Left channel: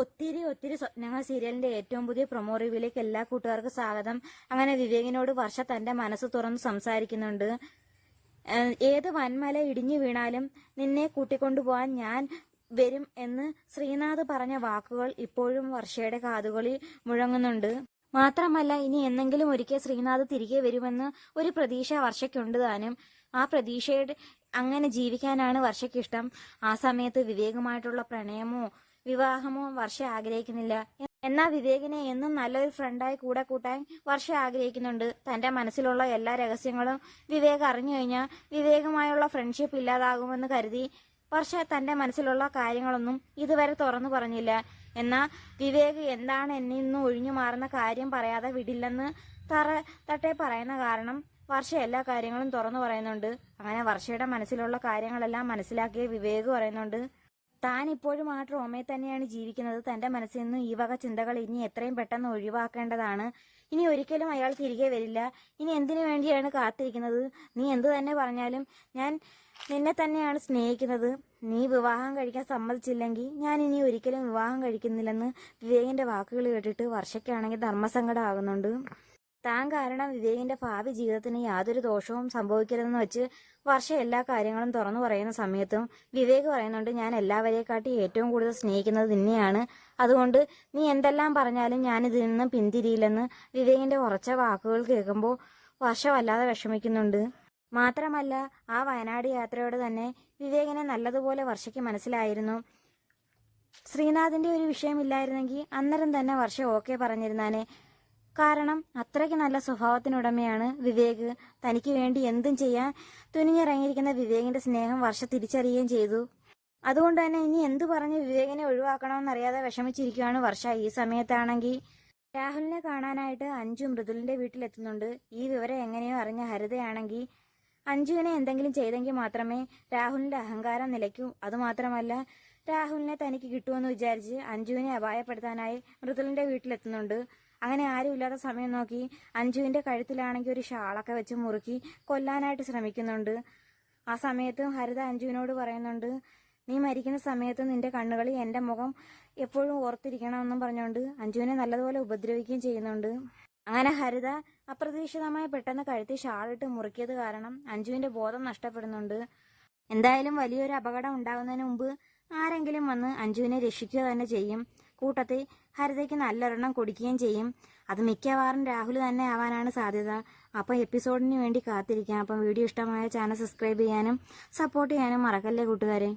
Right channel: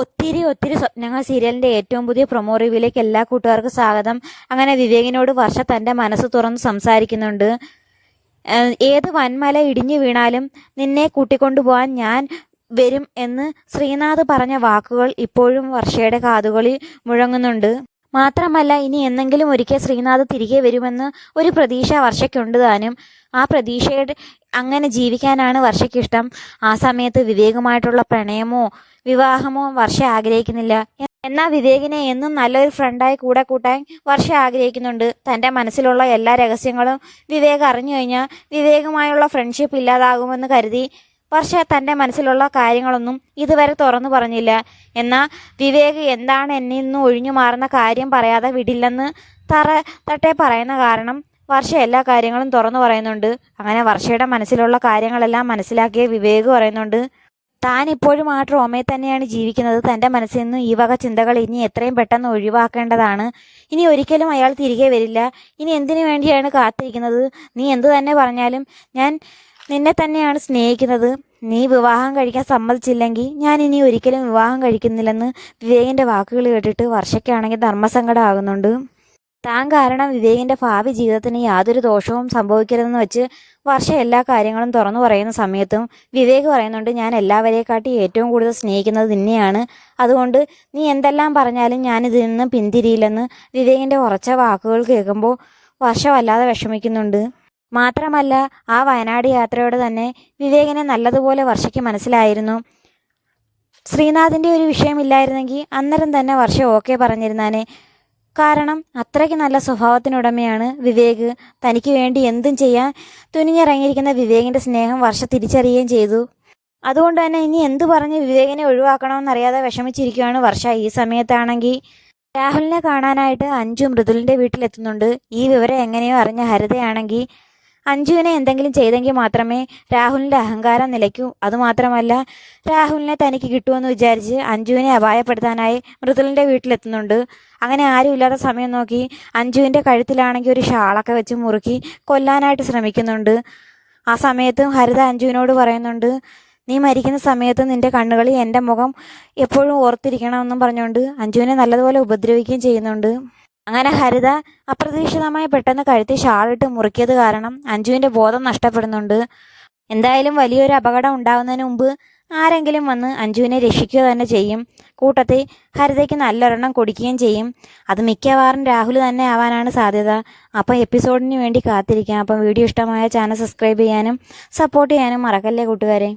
ഒത്തിരി ഒത്തിരി സ്വപ്നങ്ങൾ സീരിയലിന്റെ ഏറ്റവും പുതിയ പ്രൊമോ റിവ്യൂയിലേക്ക് എല്ലാ കൂട്ടുകാർക്കും സ്വാഗതം. അങ്ങനെ വിവേകിനോട് വർഷ തന്റെ മനസ്സ് തുറന്ന് സംസാരിക്കുന്നുണ്ട്. ഏത് വൻമല ഇടിഞ്ഞു വീണാലും നിന്നെ കൂട്ടിക്കൊണ്ടുപോകാൻ ഞാൻ വരും എന്ന് ശ്രീനാഥ് പറഞ്ഞ വാക്കുകൾ ഇപ്പോഴും വർഷയുടെ കാതുകളിൽ മുഴങ്ങുന്നുണ്ട്. മാത്രമല്ല, ഇനി എന്നെങ്കിലും ഒരിക്കൽ ശ്രീനാഥ് തിരികെ വരുമെന്ന് ഒരു പ്രതീക്ഷ വർഷയ്ക്കുണ്ട് താനും. ആ പ്രതീക്ഷയുടെ അങ്ങനെ ജീവിക്കാനാണ് വർഷയ്ക്കിഷ്ടം. ആ സമയത്ത് വിവേകുമായിട്ടുള്ള പ്രണയമോ വിവാഹമോ വർഷ ആഗ്രഹിക്കുന്നില്ല. എന്നാൽ വിവേകിനെ എന്നും നല്ലൊരു ഫ്രണ്ടായി കൂടെ കൂട്ടാൻ വർഷ ആഗ്രഹിക്കുന്നുണ്ട്. തൻ്റെ മനസ്സിലുള്ള എല്ലാ രഹസ്യങ്ങളും വിവേക് അറിഞ്ഞു കഴിഞ്ഞാൽ വിവേകുമായുള്ള ഫ്രണ്ട്ഷിപ്പ് ഇല്ലാതാകുമെന്ന് കരുതി വർഷ തൻ്റെ മനസ്സിലുള്ള കാര്യങ്ങളൊന്നും ഇതുവരെ തുറന്നു പറഞ്ഞില്ല. എന്നാൽ വിവേക് എന്താണ് എന്നിൽ നിന്ന് ഒഴിഞ്ഞു മാറുന്ന കാര്യം പറയാതെ വിടില്ലെന്ന് തട്ടേ പറയുന്ന കാരണം വർഷ എല്ലാ കാര്യങ്ങളും തുറന്നു പറയുന്നുണ്ട്. അങ്ങനെ വർഷയുടെ മനസ്സിലുള്ള കാര്യങ്ങളെല്ലാം മനസ്സിലാക്കിയ വിവേക് പറയുന്നുണ്ട്, താൻ ഇപ്പോഴും ആ ട്രോമയിൽ തന്നെയാണ് ജീവിക്കുന്നത്. തൻ്റെ മനസ്സിൽ നിന്ന് ഈ വക ചിന്തകൾ ഇനി എത്രയും പെട്ടെന്ന് ഒഴിവാക്കേണ്ടതാണ്. ഇനി ഒരിക്കലും അയാൾ തിരികെ വരില്ല. ഇനി എന്തിനു വേണ്ടിയാണ് കാത്തിരിക്കുന്നത്? നീ എന്തു തന്നെ പറഞ്ഞാലും ഞാൻ നിന്നെ തന്നെയാണ് സ്നേഹിക്കുന്നത്. നീ വിവാഹം കഴിക്കാൻ സമ്മതിച്ചില്ലെങ്കിൽ ഞാൻ ഇനി ഒരിക്കലും വിവാഹം കഴിക്കുന്നില്ലെന്ന് വിവേകിൻ്റെ വാക്കുകൾ കേട്ടിട്ട് വർഷയ്ക്കാണെങ്കിൽ ധർമ്മസങ്കടമാകുന്നുണ്ട്. താൻ കാരണം വിവേകിൻ്റെ ഭാവി ജീവിതത്തിന് യാതൊരു ദോഷവും സംഭവിക്കരുതെന്ന് വെച്ച് വർഷ എല്ലാ കാര്യങ്ങളും തുറന്നു പറയുന്ന സമയത്തും വിവേക് പറയുന്നുണ്ട്, ഞാൻ എല്ലാവരെക്കാട്ടി ഏറ്റവും കൂടുതൽ സ്നേഹിക്കുന്നത് നിന്നെയാണ്. അതുകൊണ്ട് നീ എന്തെല്ലാം പറഞ്ഞാലും ഞാനിതിൽ നിന്ന് പിന്തിരിയില്ലെന്ന് വിവേകിൻ്റെ ഉറച്ച വാക്കുകൾ കേൾക്കുമ്പോൾ വർഷ വല്ലാതെ വിഷമിക്കുന്നുണ്ട്. മാത്രമല്ല, ആ വയനാട് യാത്രയോടെ തന്നെ വിവേകിനെ നല്ലതുപോലെ വർഷയ്ക്ക് മനസ്സിലായിരുന്നു. ശ്രീനാഥിൻ്റെ ഒരു വിഷയമില്ലായിരുന്നെങ്കിൽ അന്നേരം തന്നെ വർഷ ഓക്കെ പറഞ്ഞിരുന്നാനെ. കാരണം അത്രയ്ക്ക് നല്ല സ്വഭാവത്തിനുടമയാണ് വിവേക്. തനിക്ക് വേണ്ടി എന്തും ചെയ്യാൻ തുനിഞ്ഞിറങ്ങിയിരിക്കുന്ന വിവേകിൻ്റെ സ്നേഹം വർഷ തിരിച്ചറിയുകയും ചെയ്തു. അതുകൊണ്ട് തന്നെ ഇനി എന്തു പറഞ്ഞ് വിവേകിനെ ഒഴിവാക്കണമെന്നറിയാതെ വിഷമിച്ചിരിക്കുകയാണ് വർഷ. ഈ സമയത്താണെങ്കിൽ രാഹുലിനെ കാണാനായിട്ട് അഞ്ജു മൃദുലിൻ്റെ വീട്ടിലെത്തുന്നുണ്ട്. ഈ വിവരം എങ്ങനെയോ അറിഞ്ഞ ഹരിതയാണെങ്കിൽ അഞ്ജുവിനെ എന്തെങ്കിലും ചെയ്തെങ്കിൽ മാത്രമേ രാഹുലിൻ്റെ അഹങ്കാരം നിലയ്ക്കൂ. അതുമാത്രമല്ല, രാഹുലിനെ തനിക്ക് കിട്ടുമെന്ന് വിചാരിച്ച് അഞ്ജുവിനെ അപായപ്പെടുത്താനായി മൃദുലിൻ്റെ വീട്ടിലെത്തുന്നുണ്ട്. അങ്ങനെ ആരും ഇല്ലാത്ത സമയം നോക്കി അഞ്ജുവിൻ്റെ കഴുത്തിലാണെങ്കിൽ ഒരു ഷാളൊക്കെ വെച്ച് മുറുക്കി കൊല്ലാനായിട്ട് ശ്രമിക്കുന്നുണ്ട്. ആ സമയത്തും ഹരിത അഞ്ജുവിനോട് പറയുന്നുണ്ട്, നീ മരിക്കുന്ന സമയത്ത് നിൻ്റെ കണ്ണുകളിൽ എൻ്റെ മുഖം എപ്പോഴും ഓർത്തിരിക്കണമെന്നും പറഞ്ഞുകൊണ്ട് അഞ്ജുവിനെ നല്ലതുപോലെ ഉപദ്രവിക്കുകയും ചെയ്യുന്നുണ്ട്. അങ്ങനെ ഹരിത അപ്രതീക്ഷിതമായി പെട്ടെന്ന് കഴുത്തിൽ ഷാളിട്ട് മുറുക്കിയത് കാരണം അഞ്ജുവിൻ്റെ ബോധം നഷ്ടപ്പെടുന്നുണ്ട്. എന്തായാലും വലിയൊരു അപകടം ഉണ്ടാകുന്നതിന് മുമ്പ് ആരെങ്കിലും വന്ന് അഞ്ജുവിനെ രക്ഷിക്കുക തന്നെ ചെയ്യും. കൂട്ടത്തിൽ ഹരിതയ്ക്ക് നല്ലൊരെണ്ണം കൊടുക്കുകയും ചെയ്യും. അത് മിക്കവാറും രാഹുൽ തന്നെ ആവാനാണ് സാധ്യത. അപ്പം എപ്പിസോഡിന് വേണ്ടി കാത്തിരിക്കാം. അപ്പം വീഡിയോ ഇഷ്ടമായ ചാനൽ സബ്സ്ക്രൈബ് ചെയ്യാനും സപ്പോർട്ട് ചെയ്യാനും മറക്കല്ലേ കൂട്ടുകാരെ.